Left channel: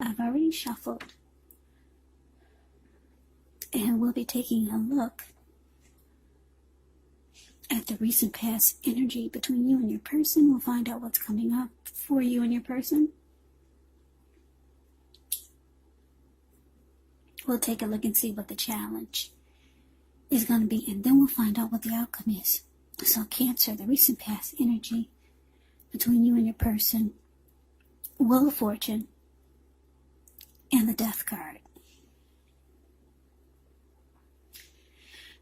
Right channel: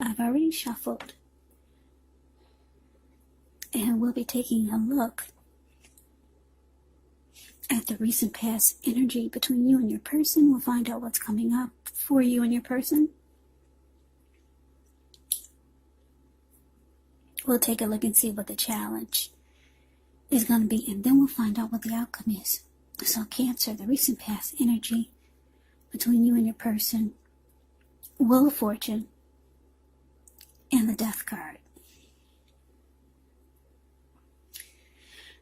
I've already shuffled, and we'll be taking a look at the recent past energy between you and your person. We'll find out what's coming up for you and your person. We'll take a look and see what the challenge is going to be, and then we'll find out what the outcome is. So Cancer, the recent past energy between you and your person, Wheel of Fortune, and the Death card.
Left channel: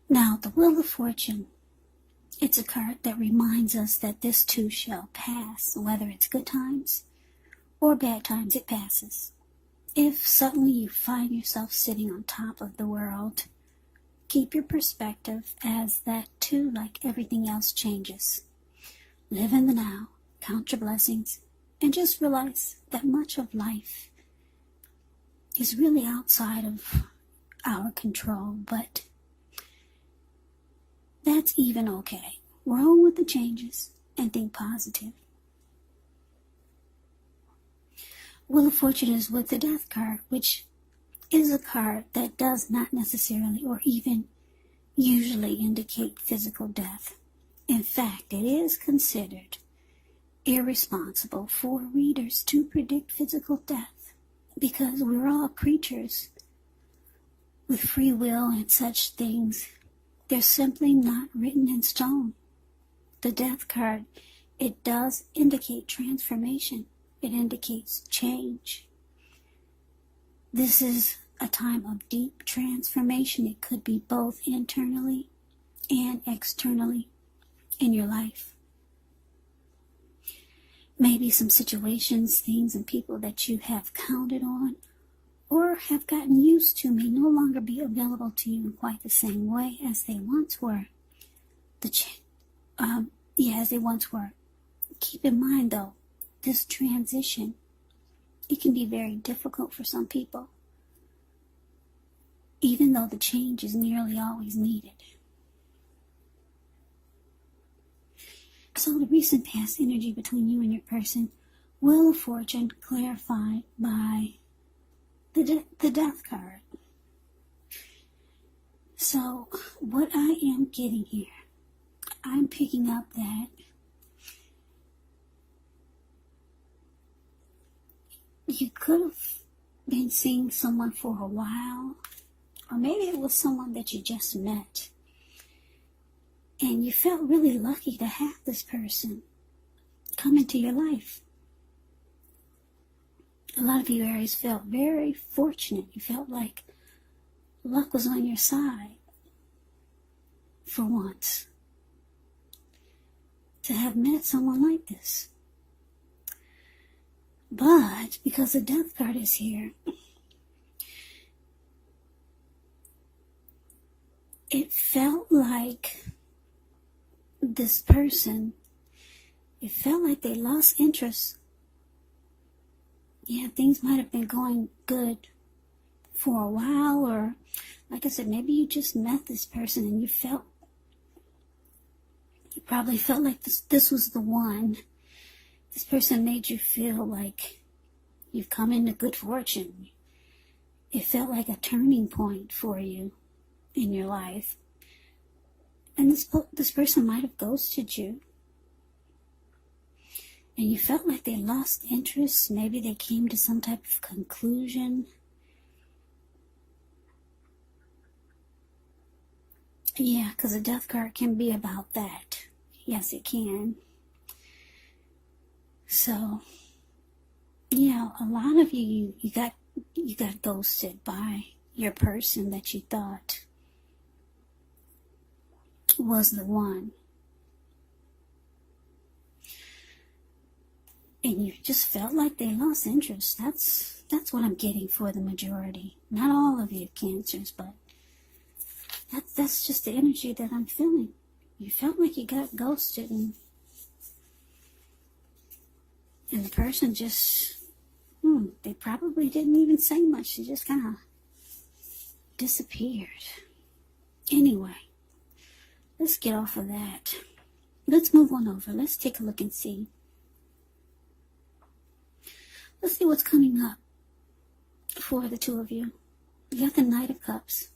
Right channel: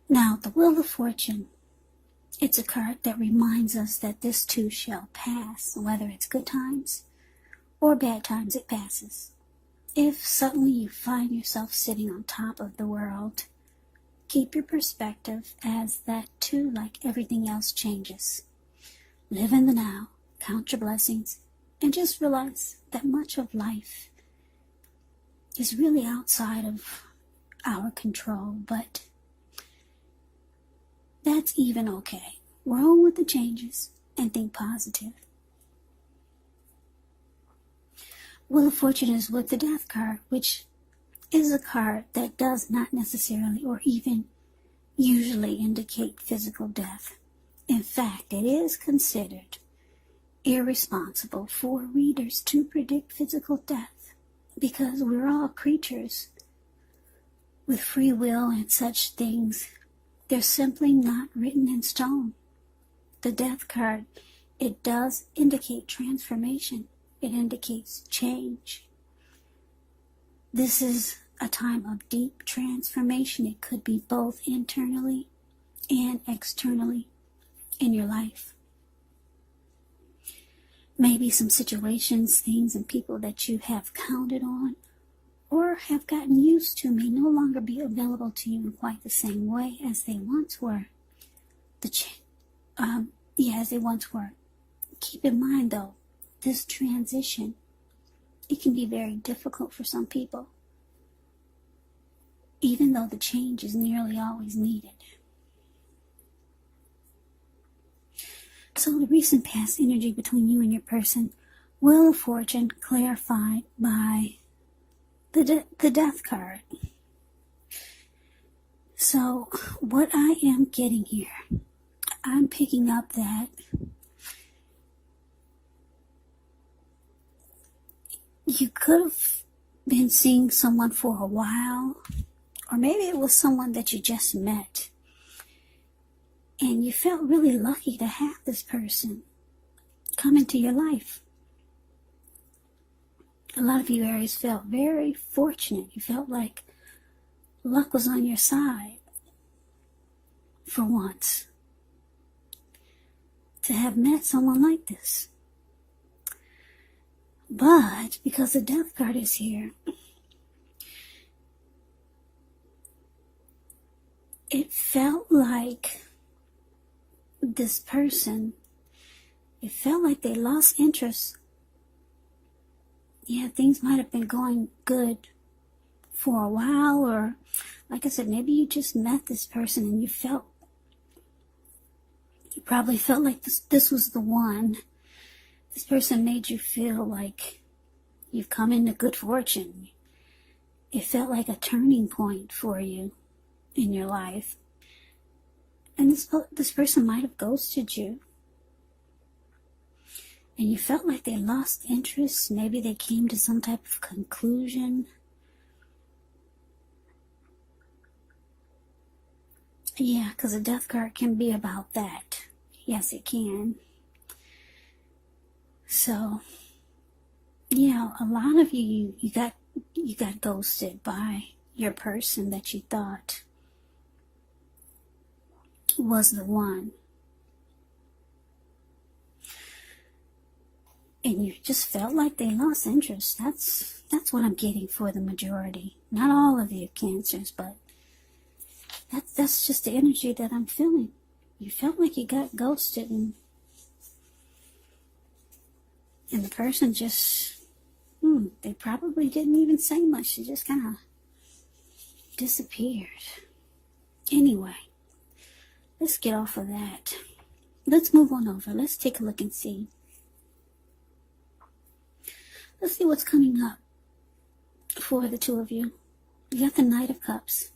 Now, the Wheel of Fortune, it's a card that reminds us that this too shall pass. Whether it's good times or bad times, it passes. If suddenly you find yourself sitting on top of the world, keep your perspective, as that too, like everything else, changes. Live in the now, count your blessings, and just realize that much of life is really outside of our control, but that's even okay. Roll with the changes and think positive. Wheel of Fortune is with the Death card, which is a card that does not necessarily or even usually indicate physical death. In fact, it is considered irresponsible for readers to predict physical death, because we're all creatures with free will, and such things, they're simply not written in stone. The Death card, it does indicate transformation. It indicates change. This is a time of deep transformation. It could be both internally and externally in your life. Maybe some situations, things, and people that you have counted on or have gotten used to may no longer be available to you in quite the same way as they once were. As they once were. Keep in mind, though, this transition, it can be very difficult for some people, even though the change is nearly always needed. So the recent past energy between you and your person, Wheel of Fortune, clarified by the Death card. So what I am getting here, I'm picking up that you could have been seeing someone for a while, or maybe it was someone that you just met, and you felt really lucky to have this person come into your life. A lot of you Aries felt very fortunate. You felt like luck was on your side for once, to have met someone like this. But because the Death card is here, it felt like this person, it felt like they lost interest. Yeah, things might have been going good for a while, or like I said, maybe you just met this person and you probably felt like this was the one. This person made you feel like you've come into good fortune. It felt like a turning point for you in your life. And this person might have ghosted you. And you felt like they lost interest. Maybe they came to some type of conclusion. Yeah, because a Death card can be about that. Yes, it can. So, yeah, a lot of you got ghosted by your person that you thought was the one. And you just felt like they lost interest. That's what I'm getting for the majority. Not all of you Cancers, but that's just the energy that I'm feeling. You felt like you got ghosted, and the person just, they probably didn't even say much. They just kind of disappeared. Anyway, let's get off of that. Let's move on over. Let's take a look and see. Let's see what's coming up for the two of you. You got the Knight of Cups,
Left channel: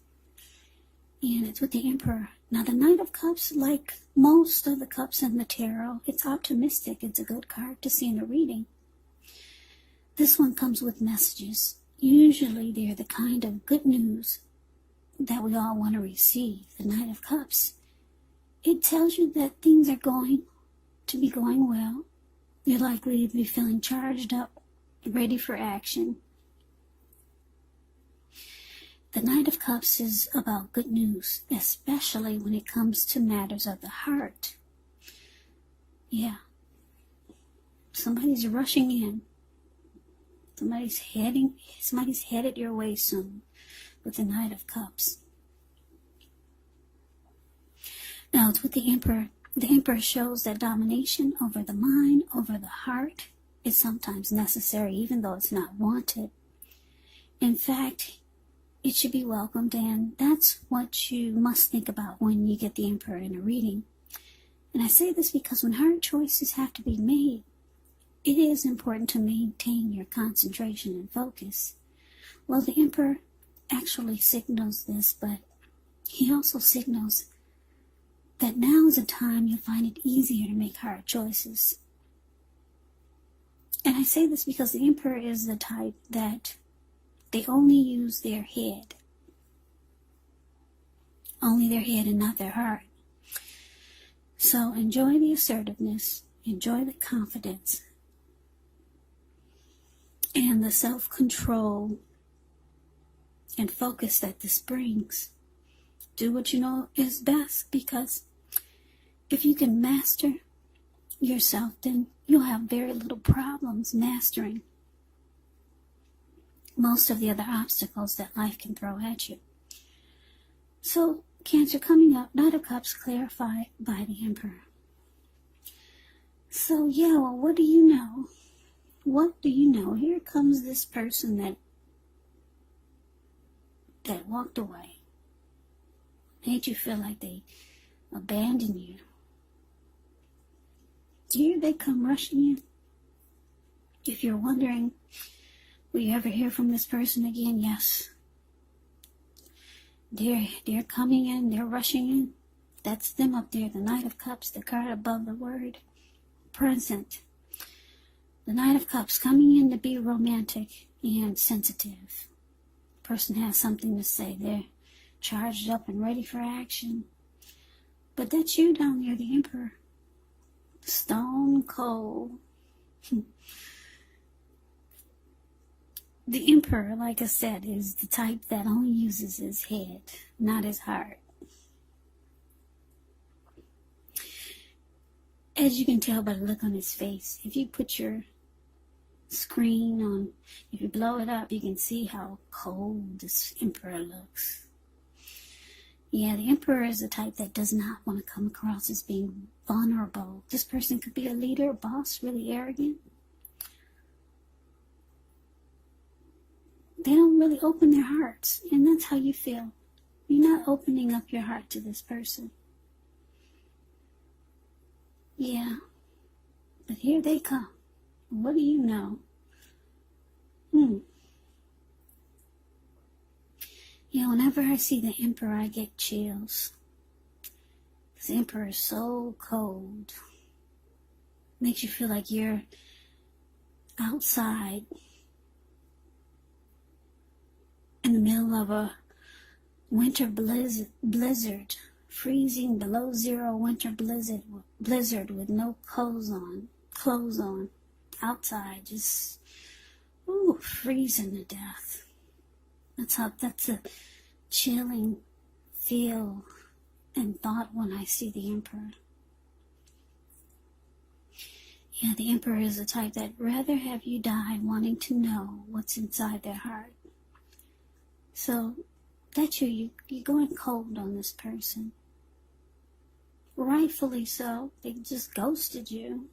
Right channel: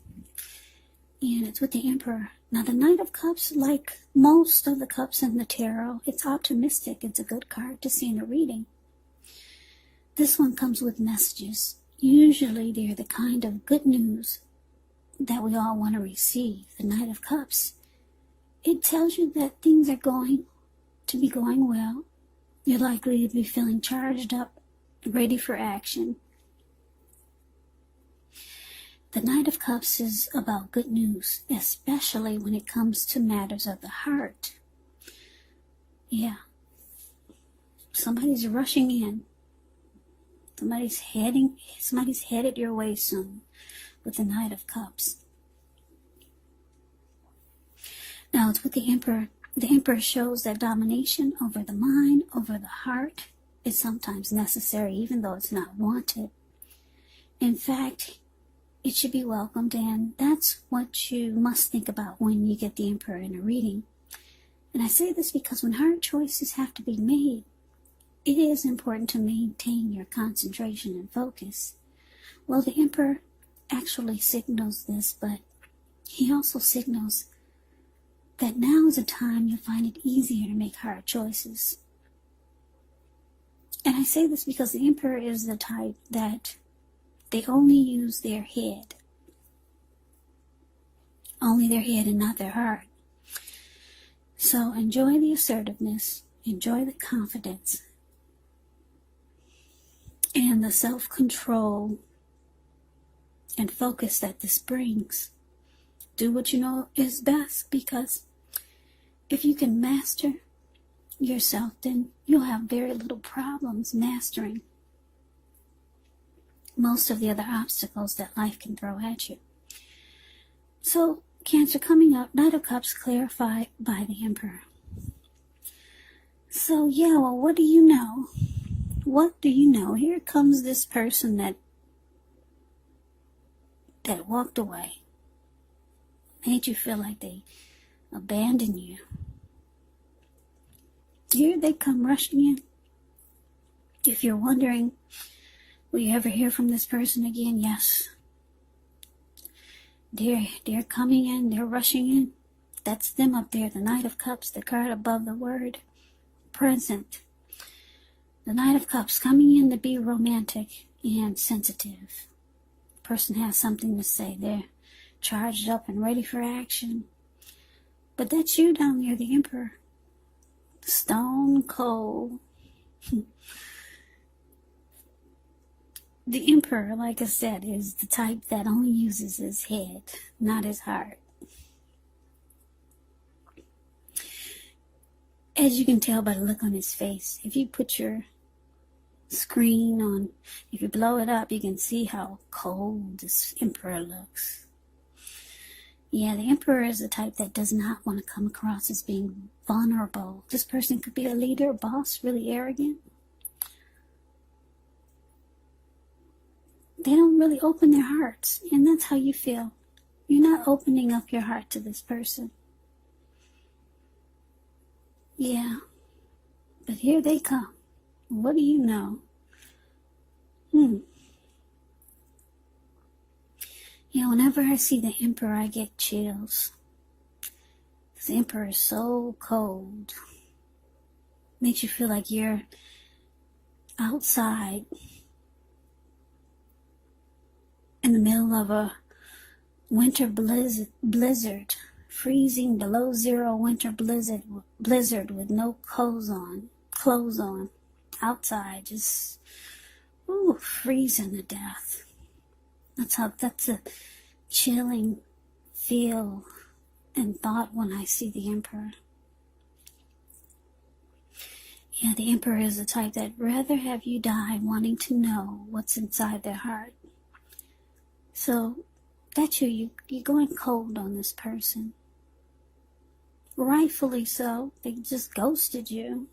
and it's with the Emperor. Now, the Knight of Cups, like most of the cups in the tarot, it's optimistic. It's a good card to see in a reading. This one comes with messages. Usually, they're the kind of good news that we all want to receive. The Knight of Cups, it tells you that things are going to be going well. You're likely to be feeling charged up, ready for action. The Knight of Cups is about good news, especially when it comes to matters of the heart. Yeah. Somebody's rushing in. Somebody's headed your way soon with the Knight of Cups. Now, it's with the Emperor. The Emperor shows that domination over the mind, over the heart, is sometimes necessary, even though it's not wanted. In fact, it should be welcomed, and that's what you must think about when you get the Emperor in a reading. And I say this because when hard choices have to be made, it is important to maintain your concentration and focus. Well, the Emperor actually signals this, but he also signals that now is a time you find it easier to make hard choices. And I say this because the Emperor is the type that they only use their head. Only their head and not their heart. So enjoy the assertiveness, enjoy the confidence, and the self-control and focus that this brings. Do what you know is best, because if you can master yourself, then you'll have very little problems mastering most of the other obstacles that life can throw at you. So, Cancer, coming up, Knight of Cups clarified by the Emperor. So, yeah, well, what do you know? What do you know? Here comes this person that walked away. Made you feel like they abandoned you. Here they come rushing in. If you're wondering, will you ever hear from this person again? Yes. They're coming in, they're rushing in. That's them up there, the Knight of Cups, the card above the word present. The Knight of Cups coming in to be romantic and sensitive. Person has something to say. They're charged up and ready for action. But that's you down there, the Emperor. Stone cold. The Emperor, like I said, is the type that only uses his head, not his heart. As you can tell by the look on his face, if you put your screen on, if you blow it up, you can see how cold this Emperor looks. Yeah, the Emperor is the type that does not want to come across as being vulnerable. This person could be a leader, boss, really arrogant. They don't really open their hearts, and that's how you feel. You're not opening up your heart to this person. Yeah, but here they come. What do you know? Yeah, whenever I see the Emperor, I get chills. The Emperor is so cold. Makes you feel like you're outside in the middle of a winter blizzard, freezing below zero winter blizzard with no clothes on, outside, just freezing to death. That's a chilling feel and thought when I see the Emperor. Yeah, the Emperor is the type that'd rather have you die wanting to know what's inside their heart. So, that's you're going cold on this person. Rightfully so. They just ghosted you.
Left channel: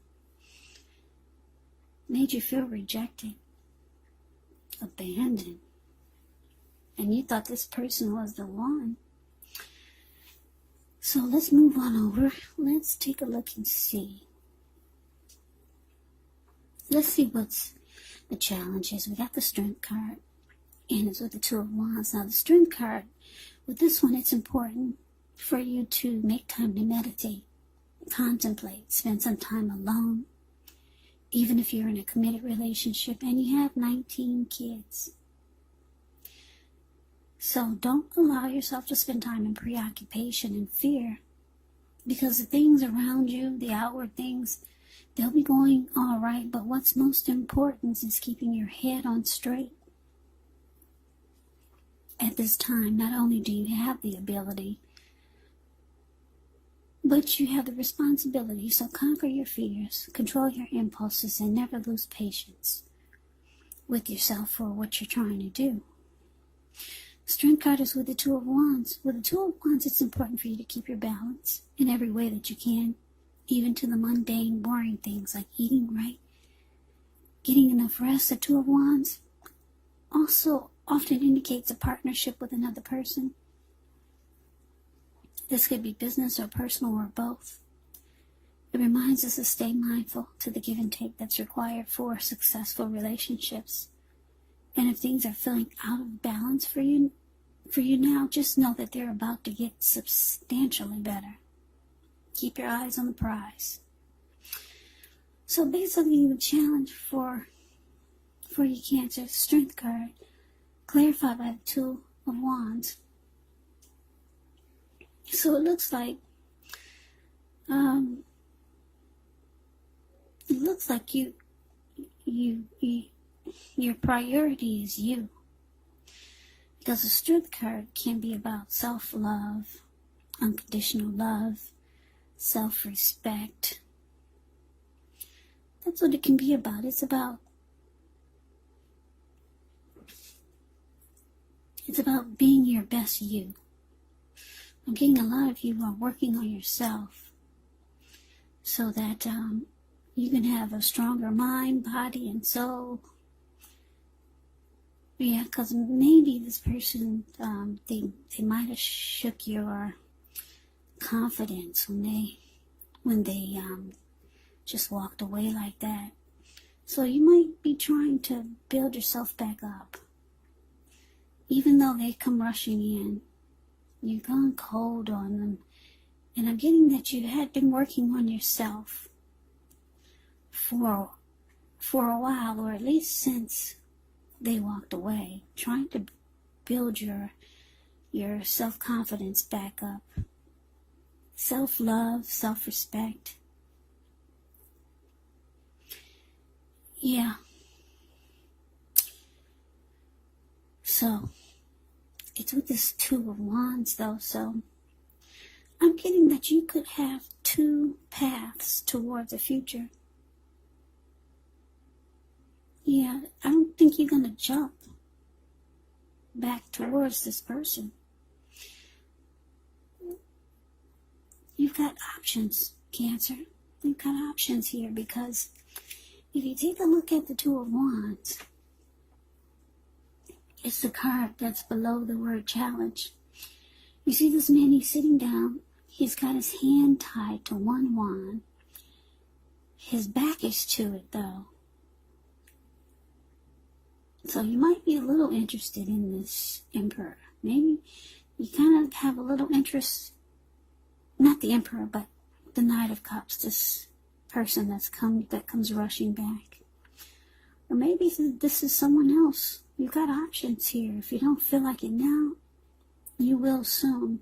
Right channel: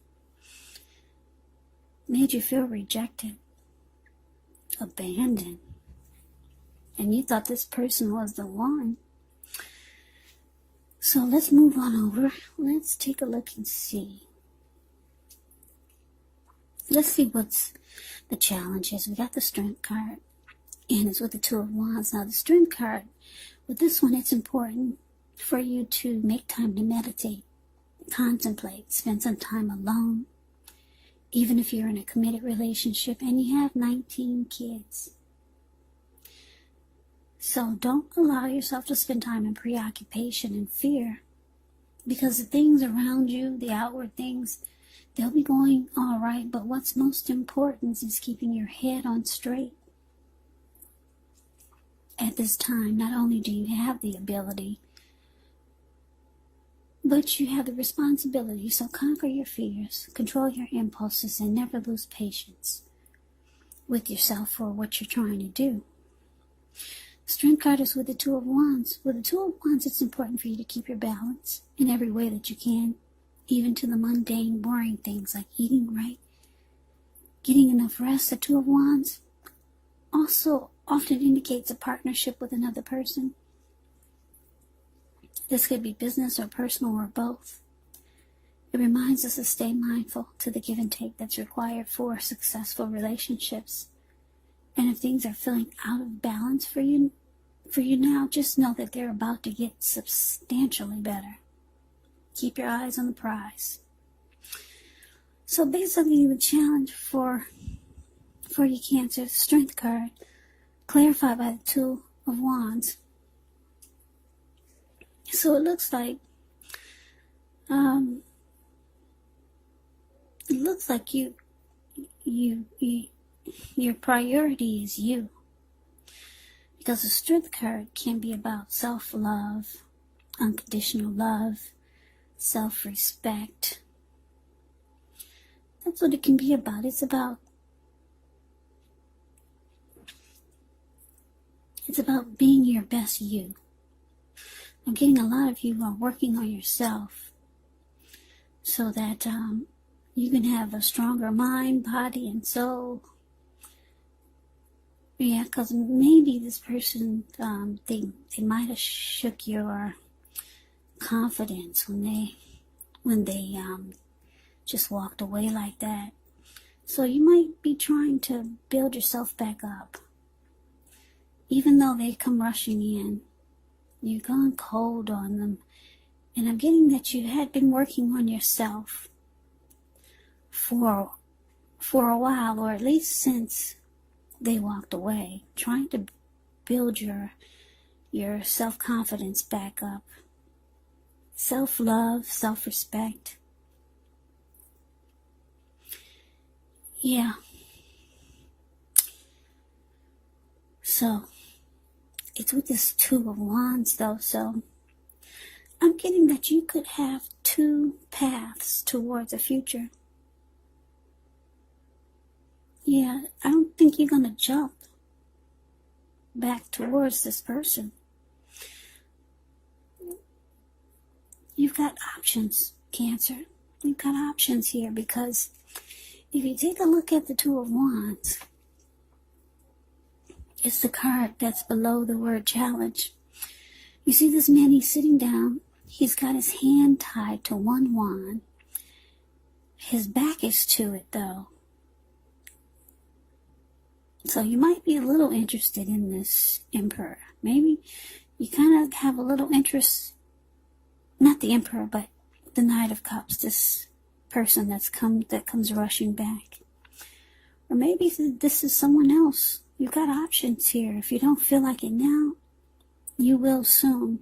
Made you feel rejected. Abandoned. And you thought this person was the one. So let's move on over. Let's take a look and see. Let's see what's the challenge is. We got the Strength card. and it's with the Two of Wands. Now, the Strength card, with this one, it's important for you to make time to meditate, contemplate, spend some time alone, even if you're in a committed relationship and you have 19 kids. So don't allow yourself to spend time in preoccupation and fear, because the things around you, the outward things, they'll be going all right, but what's most important is keeping your head on straight. At this time, not only do you have the ability, but you have the responsibility. So conquer your fears, control your impulses, and never lose patience with yourself for what you're trying to do. Strength card is with the Two of Wands. With the Two of Wands, it's important for you to keep your balance in every way that you can, even to the mundane, boring things like eating right, getting enough rest. The Two of Wands also often indicates a partnership with another person. This could be business or personal or both. It reminds us to stay mindful to the give and take that's required for successful relationships. And if things are feeling out of balance for you now, just know that they're about to get substantially better. Keep your eyes on the prize. So basically, the challenge for your Cancer, Strength card, clarified by the Two of Wands. So it looks like your priority is you. Because the Strength card can be about self-love, unconditional love, self-respect. That's what it can be about. It's about being your best you. I'm getting a lot of you are working on yourself so that you can have a stronger mind, body, and soul. Yeah, because maybe this person, they might have shook your confidence when they just walked away like that. So you might be trying to build yourself back up. Even though they come rushing in, you've gone cold on them. And I'm getting that you had been working on yourself for a while, or at least since they walked away, trying to build your self-confidence back up. Self-love, self-respect. Yeah. So, it's with this Two of Wands though, so I'm getting that you could have two paths towards a future. Yeah, I don't think you're going to jump back towards this person. You've got options, Cancer. You've got options here, because if you take a look at the Two of Wands, it's the card that's below the word challenge. You see this man, he's sitting down. He's got his hand tied to one wand. His back is to it, though. So you might be a little interested in this Emperor. Maybe you kind of have a little interest, not the Emperor, but the Knight of Cups, this person that comes rushing back. Or maybe this is someone else. You've got options here. If you don't feel like it now, you will soon.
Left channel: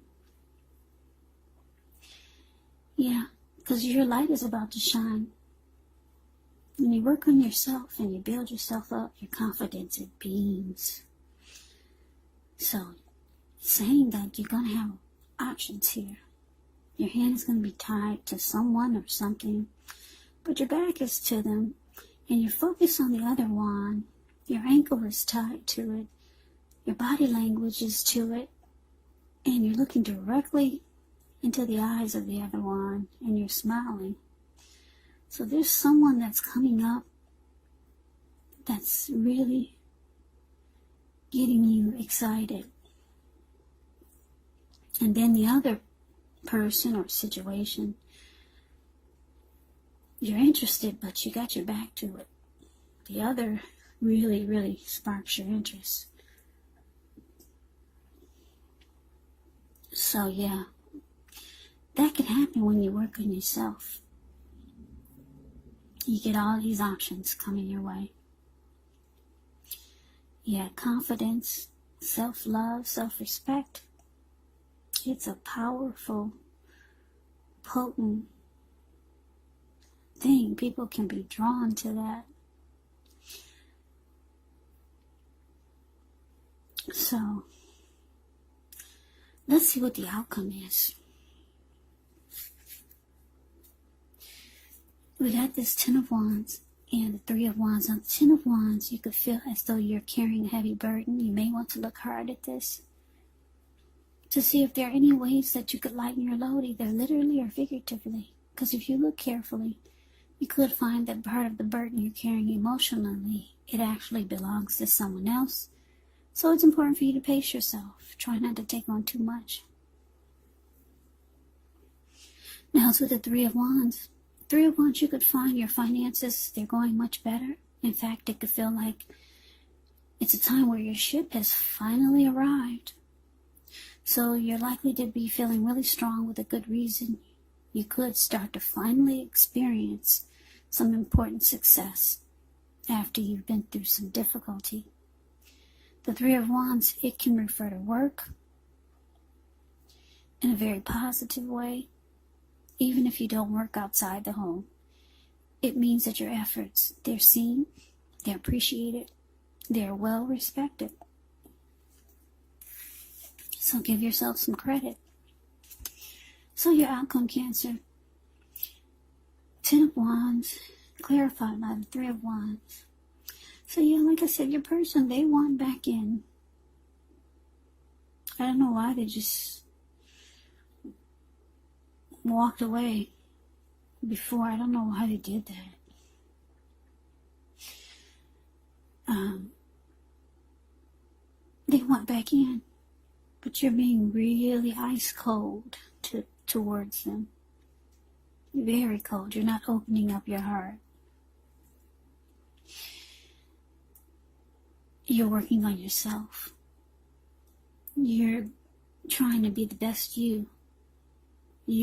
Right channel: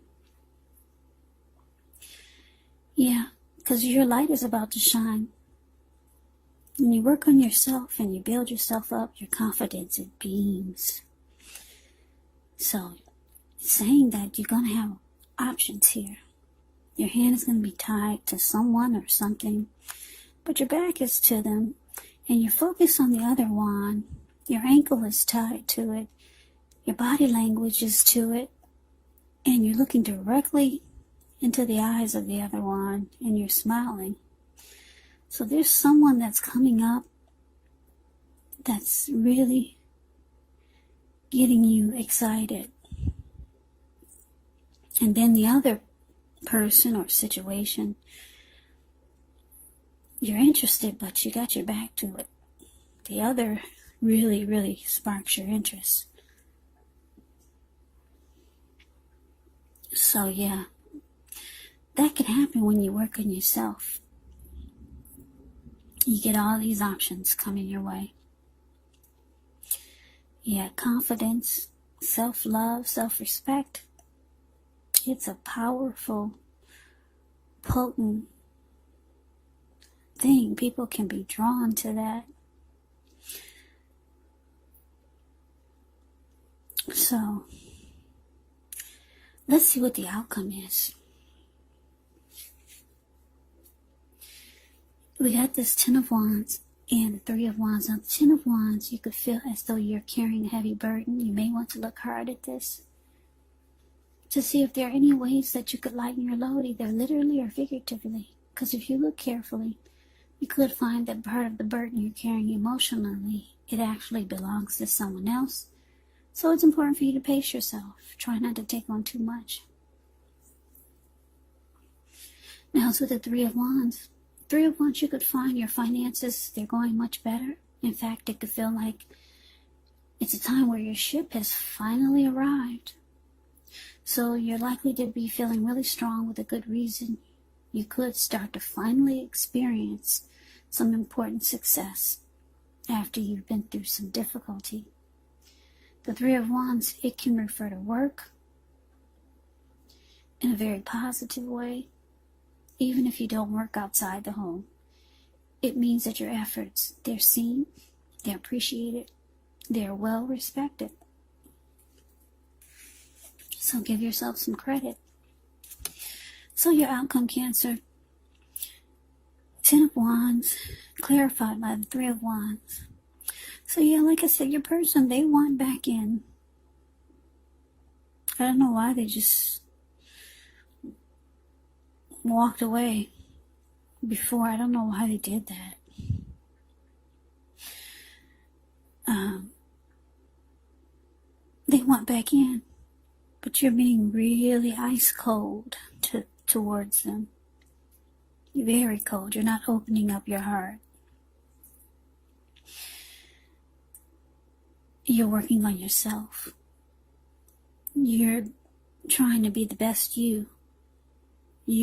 Yeah, because your light is about to shine. When you work on yourself and you build yourself up, your confidence, it beams. So, saying that you're going to have options here. Your hand is going to be tied to someone or something, but your back is to them, and you're focused on the other one. Your ankle is tied to it. Your body language is to it. And you're looking directly into the eyes of the other one, and you're smiling. So there's someone that's coming up that's really getting you excited. And then the other person or situation, you're interested, but you got your back to it. The other really, really sparks your interest. So yeah, that can happen when you work on yourself. You get all these options coming your way. Yeah, confidence, self-love, self-respect. It's a powerful, potent thing. People can be drawn to that. So, let's see what the outcome is. We got this Ten of Wands and Three of Wands. On the Ten of Wands, you could feel as though you're carrying a heavy burden. You may want to look hard at this to see if there are any ways that you could lighten your load, either literally or figuratively. Because if you look carefully, you could find that part of the burden you're carrying emotionally, it actually belongs to someone else. So it's important for you to pace yourself. Try not to take on too much. Now, so the Three of Wands. Three of Wands, you could find your finances, they're going much better. In fact, it could feel like it's a time where your ship has finally arrived. So you're likely to be feeling really strong with a good reason. You could start to finally experience some important success after you've been through some difficulty. The Three of Wands, it can refer to work in a very positive way. Even if you don't work outside the home, it means that your efforts, they're seen, they're appreciated, they're well respected. So give yourself some credit. So your outcome, Cancer, Ten of Wands, clarified by the Three of Wands. So yeah, like I said, your person, they want back in. I don't know why they just walked away before. I don't know why they did that. They want back in, but you're being really ice cold towards them. You're very cold. You're not opening up your heart. You're working on yourself. You're trying to be the best you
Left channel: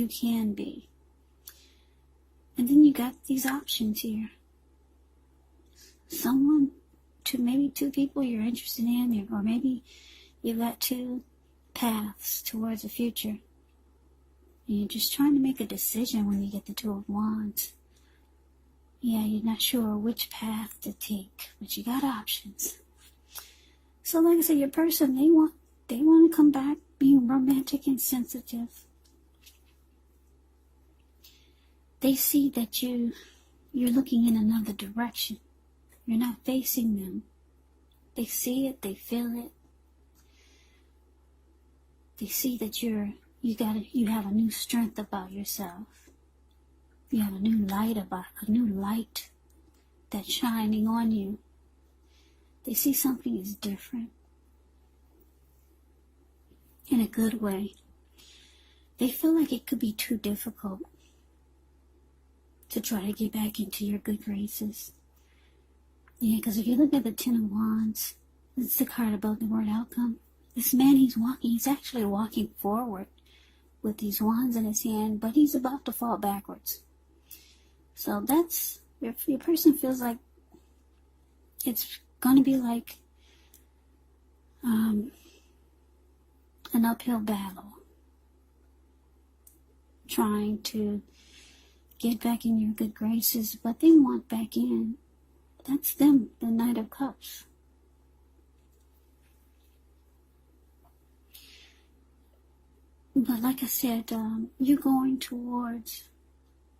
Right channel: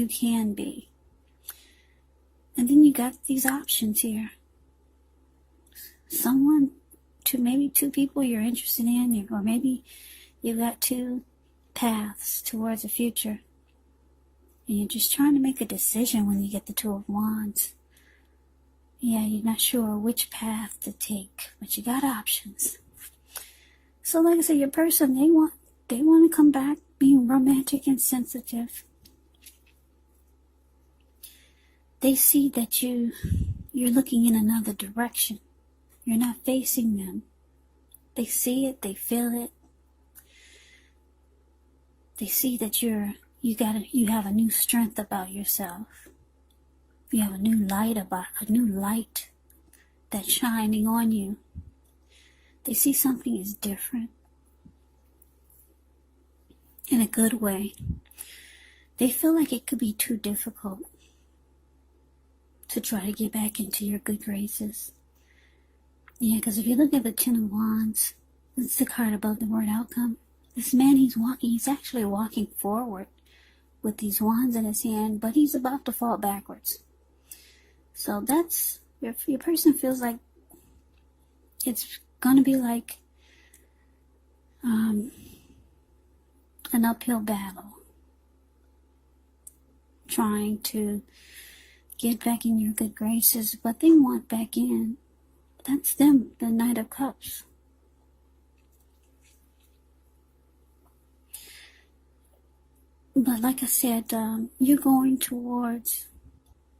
can be. And then you got these options here. Someone, maybe two people you're interested in, or maybe you got two paths towards the future. And you're just trying to make a decision when you get the Two of Wands. Yeah, you're not sure which path to take, but you got options. So like I said, your person, they want to come back being romantic and sensitive. They see that you're looking in another direction. You're not facing them. They see it, they feel it. They see that you have a new strength about yourself. You have a new light that's shining on you. They see something is different in a good way. They feel like it could be too difficult to try to get back into your good graces. Yeah, because if you look at the Ten of Wands, it's the card above the word outcome. This man, he's actually walking forward with these wands in his hand, but he's about to fall backwards. So that's, if your person feels like it's going to be like an uphill battle, trying to get back in your good graces, but they want back in. That's them, the Knight of Cups. But like I said, you're going towards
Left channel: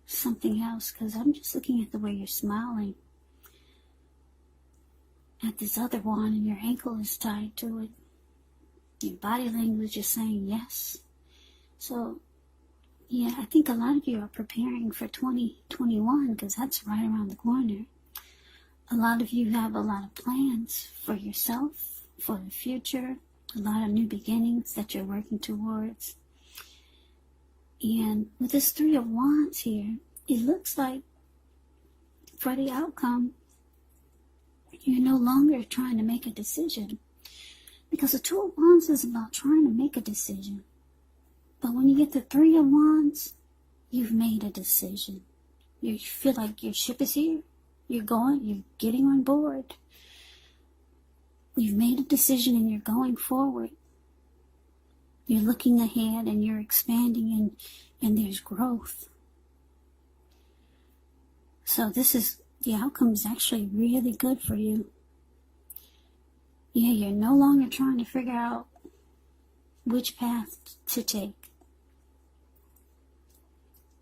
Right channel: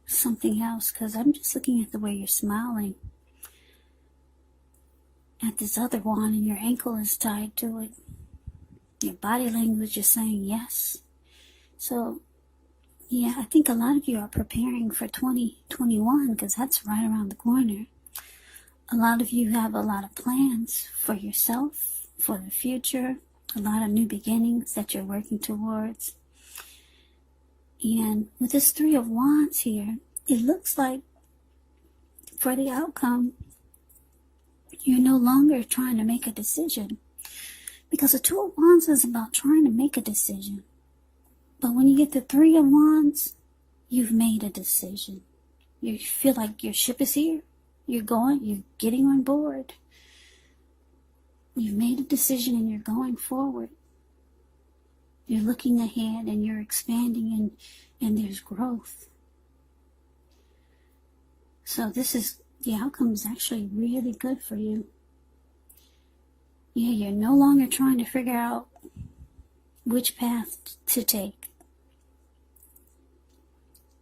something else, because I'm just looking at the way you're smiling at this other one, and your ankle is tied to it. Your body language is saying yes. So yeah, I think a lot of you are preparing for 2021, because that's right around the corner. A lot of you have a lot of plans for yourself, for the future, a lot of new beginnings that you're working towards. And with this Three of Wands here, it looks like for the outcome, you're no longer trying to make a decision. Because the Two of Wands is about trying to make a decision. But when you get the Three of Wands, you've made a decision. You feel like your ship is here. You're getting on board. You've made a decision and you're going forward. You're looking ahead and you're expanding and there's growth. So the outcome is actually really good for you. Yeah, you're no longer trying to figure out which path to take.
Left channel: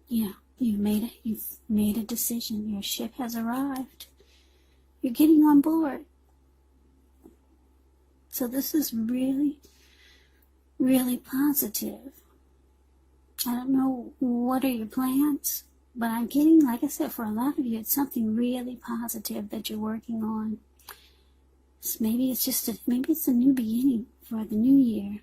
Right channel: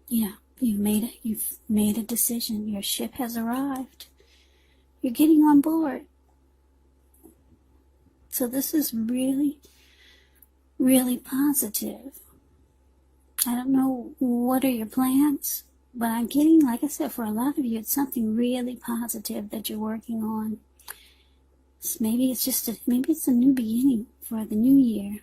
Yeah, you've made a decision. Your ship has arrived. You're getting on board. So this is really, really positive. I don't know what are your plans, but I'm getting, like I said, for a lot of you, it's something really positive that you're working on. So maybe it's a new beginning for the new year.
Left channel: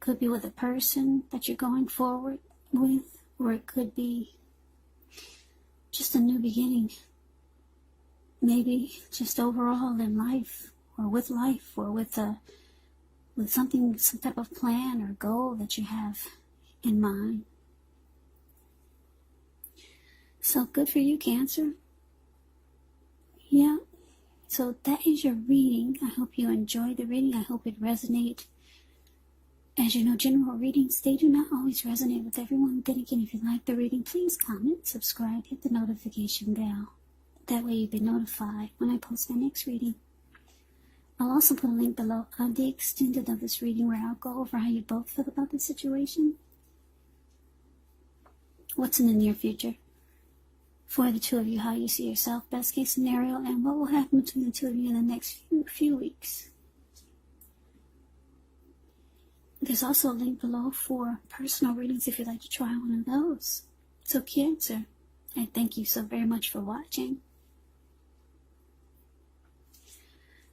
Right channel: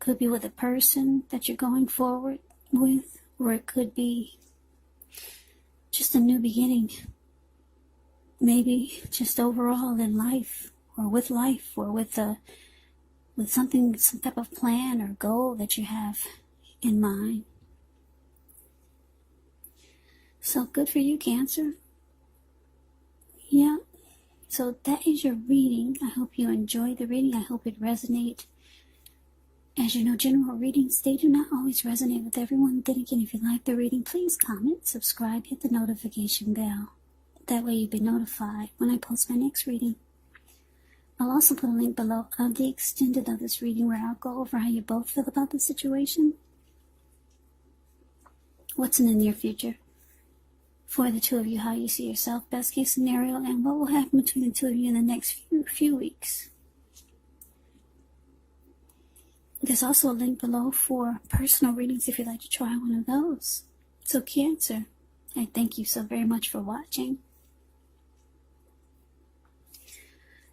Could be with a person that you're going forward with, or it could be just a new beginning. Maybe just overall in life, or with something, some type of plan or goal that you have in mind. So good for you, Cancer. Yeah. So that is your reading. I hope you enjoyed the reading. I hope it resonates. As you know, general readings, they do not always resonate with everyone. Then again, if you like the reading, please comment, subscribe, hit the notification bell. That way you'll be notified when I post my next reading. I'll also put a link below of the extended of this reading where I'll go over how you both feel about the situation. What's in the near future for the two of you, how you see yourself, best case scenario, and what will happen between the two of you in the next few weeks. There's also a link below for personal readings if you'd like to try one of those. So Cancer, I thank you so very much for watching.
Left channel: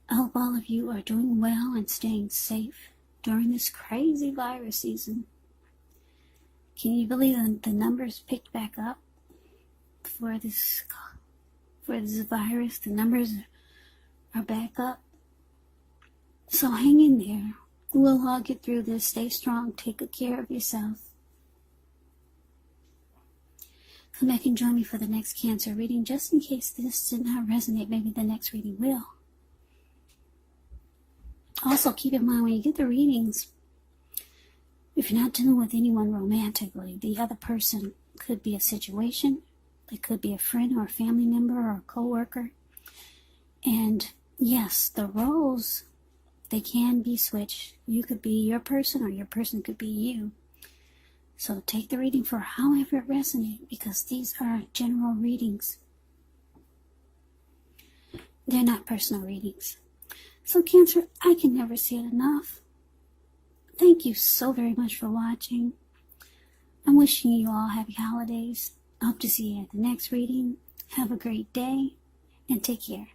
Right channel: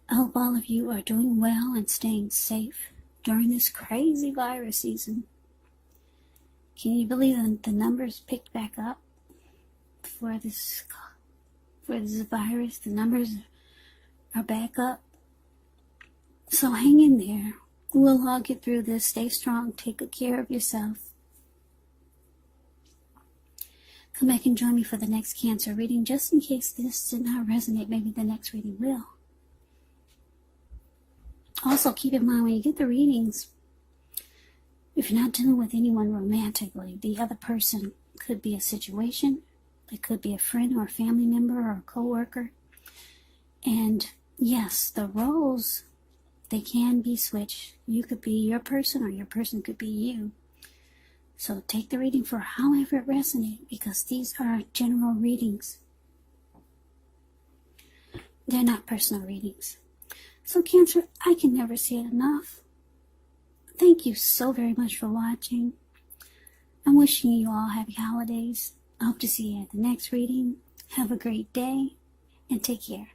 I hope all of you are doing well and staying safe during this crazy virus season. Can you believe that the numbers picked back up for this virus? The numbers are back up. So hang in there. We'll all get through this. Stay strong. Take good care of yourself. Come back and join me for the next Cancer reading. Just in case this did not resonate, maybe the next reading will. Also, keep in mind when you get the readings, if you're not dealing with anyone romantically, the other person could be a situation. It could be a friend or a family member or a co-worker. And yes, the roles, they can be switched. You could be your person or your person could be you. So take the reading for however it resonates, because these are general readings. They're not personal readings. So Cancer, I can never say it enough. Thank you so very much for watching. I'm wishing you all happy holidays. I hope to see you at the next reading. Have a great day and take care.